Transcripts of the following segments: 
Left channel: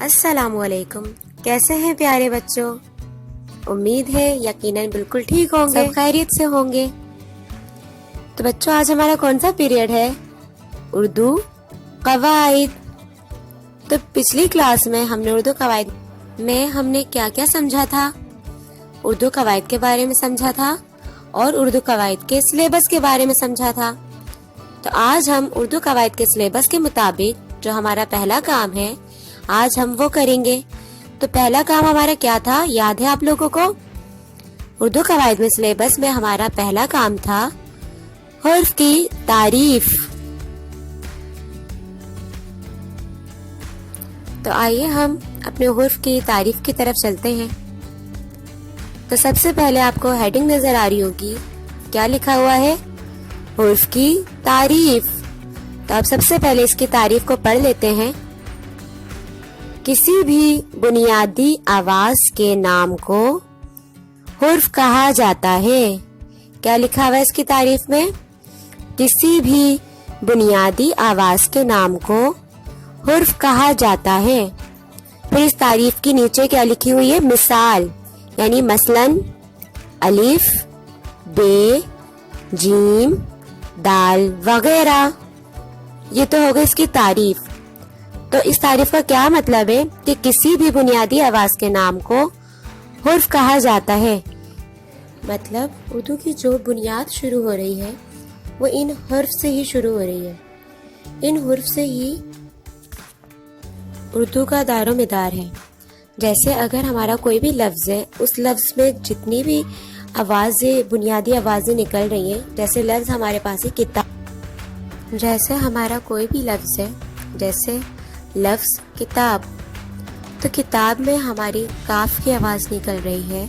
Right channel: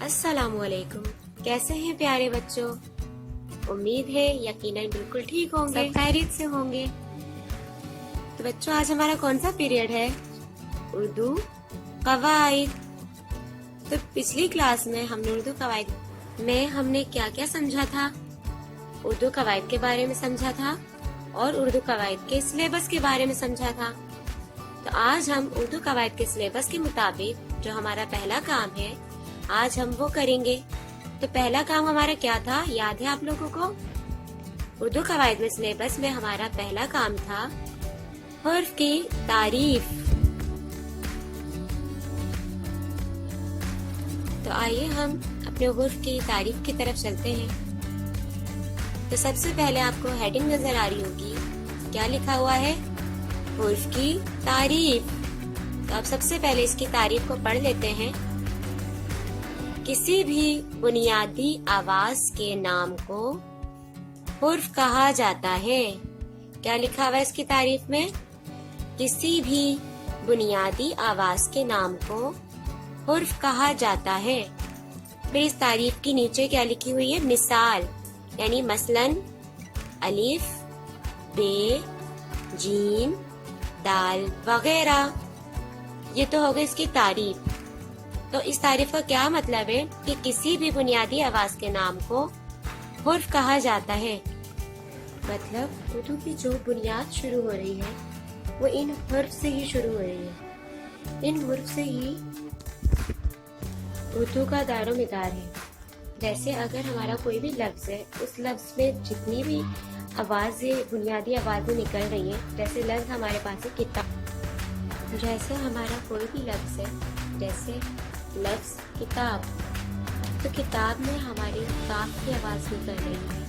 السلام علیکم، کیسے ہیں پیارے بچوں؟ امید ہے یقیناً بالکل ٹھیک ہوں گے، سب خیریت سے ہوں گے۔ تو بچوں آج ہمارا کون سا پیریڈ ہے؟ اردو قواعد۔ تو پچھلی کلاس میں ہم نے اردو قواعد میں ہم نے کیا کیا سمجھا تھا؟ اردو قواعد کے بارے میں سمجھا تھا اور اردو قواعد کے سلیبس کے بارے میں سمجھا تھا۔ تو آج ہم اردو قواعد کے سلیبس کے مطابق جو ہمارا پہلا کام ہے آج ہم وہ کریں گے۔ تو پہلا کام ہمارا کیا تھا، یاد ہے آپ لوگوں کو؟ اردو قواعد میں سلیبس میں ہمارا پہلا کام تھا حرف کی تعریف۔ تو آئیے ہم اپنے حرف کی تعریف کی طرف چلتے ہیں۔ تو سب سے پہلے آپ کو ہیڈنگ نظر آ رہی ہوگی، کیا لکھا ہوا ہے؟ حرف کی تعریف۔ تو اب سب سے پہلے اس کی تعریف کو پڑھ لیتے ہیں۔ کسی بھی بنیادی آواز کے نام کو حرف کہا جاتا ہے۔ کیا لکھا ہوا ہے اس کی تعریف میں؟ کسی بھی بنیادی آواز کے نام کو حرف کہا جاتا ہے۔ پھر اس تعریف کی نیچے کیا لکھی ہوئی ہے؟ مثال، یعنی مثلاً الف، بے، جیم، دال وغیرہ۔ یہ تو ہوگا اس کی تعریف۔ تو اس تعریف کا کیا مطلب ہے کہ کسی بھی بنیادی آواز کے نام کو حرف کہا جاتا ہے۔ مطلب اردو کی جو بنیاد شروع ہو رہی ہے وہ ان حرف سے ہی شروع ہو رہی ہے۔ ان حرف سے ہی اردو کا دار و مدار ہے۔ جیسے اگر ہمارا کوئی بھی لفظ ہے، اس لفظ میں جتنی بھی آوازیں، بنیادی آوازیں نکل رہی ہیں، جیسے لفظ ہمارے پاس ہے کتاب، جیسے ہمارا کوئی بھی لفظ ہے، جیسے لفظ کتاب، تو کتاب میں ہماری کاف کی آواز نکل رہی ہے،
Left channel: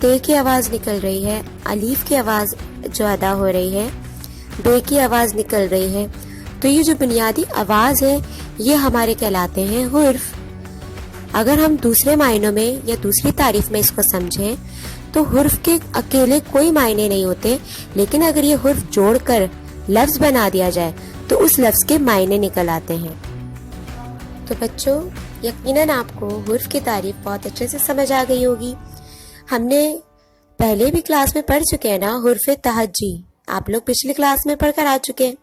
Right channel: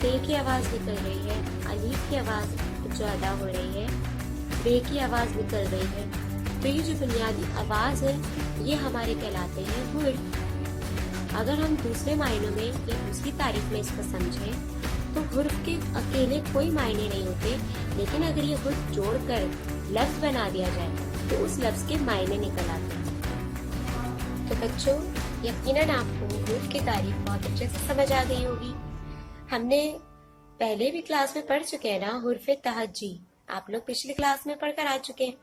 تے کی آواز نکل رہی ہے، الف کی آواز جو ادا ہو رہی ہے، بے کی آواز نکل رہی ہے۔ تو یہ جو بنیادی آواز ہے یہ ہمارے کہلاتے ہیں حرف۔ اگر ہم دوسرے معنوں میں یا دوسری تعریف میں اس کو سمجھیں تو حرف کے اکیلے کوئی معنی نہیں ہوتے، لیکن اگر یہ حرف جوڑ کر لفظ بنا دیا جائے تو اس لفظ کے معنی نکل آتے ہیں۔ تو بچوں یقیناً آپ کو حرف کی تعریف بہت اچھے سے سمجھ آ گئی ہوگی۔ ہم نے پہلے بھی کلاس میں پڑھ چکے ہیں نا حرف تہجی، آپ لوگ پچھلی کلاس میں پڑھ کر آ چکے ہیں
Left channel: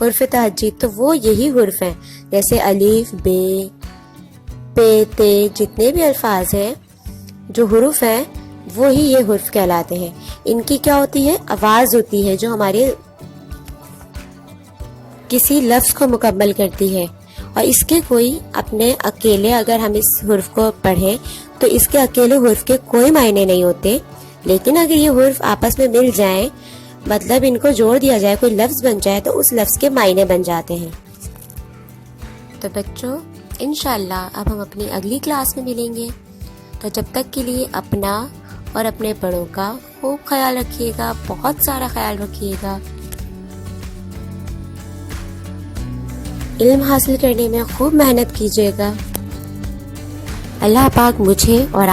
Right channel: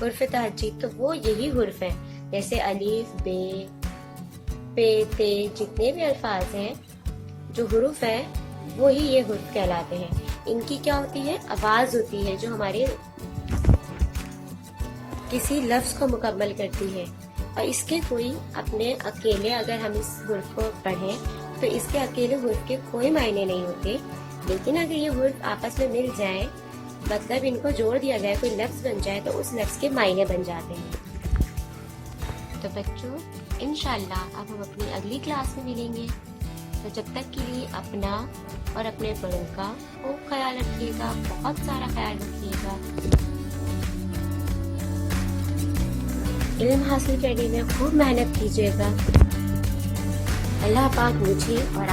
حرف تہجی۔ تو وہ یہی حرف ہیں، جیسے الف، بے، پے، تے، جتنے بھی الفاظ ہیں جو حروف ہیں وہی یہ حرف کہلاتے ہیں۔ ان کی کیا ہوتی ہے؟ آواز ہوتی ہے جو ہمارے کسی لفظ کو مکمل کرتی ہے، اور اس کے کوئی اپنے اکیلے اگر ہم اس حرف کو پڑھیں تو اس کے اکیلے حرف کے کوئی معنی نہیں ہوتے، لیکن اگر یہ حرف آپس میں مل جائیں، مطلب ان کو جوڑ دیا جائے، کوئی لفظ بن جائے، تو اس لفظ کے معنی بن جاتے ہیں۔ تو بچوں انشاءاللہ اب ہم اپنی اگلی کلاس میں ملیں گے، تو جب تک کے لیے اپنا اور اپنے بڑوں کا خوب خیال رکھیے گا، بہت سارا خیال رکھیے گا۔ علم حاصل کرنے میں خوب محنت کیجیے گا۔ اللہ پاک مجھے اور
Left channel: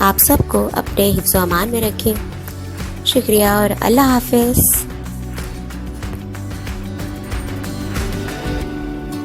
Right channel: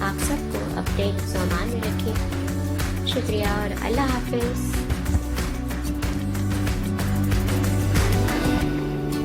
آپ سب کو اپنے حفظ و امان میں رکھے۔ شکریہ اور اللہ حافظ۔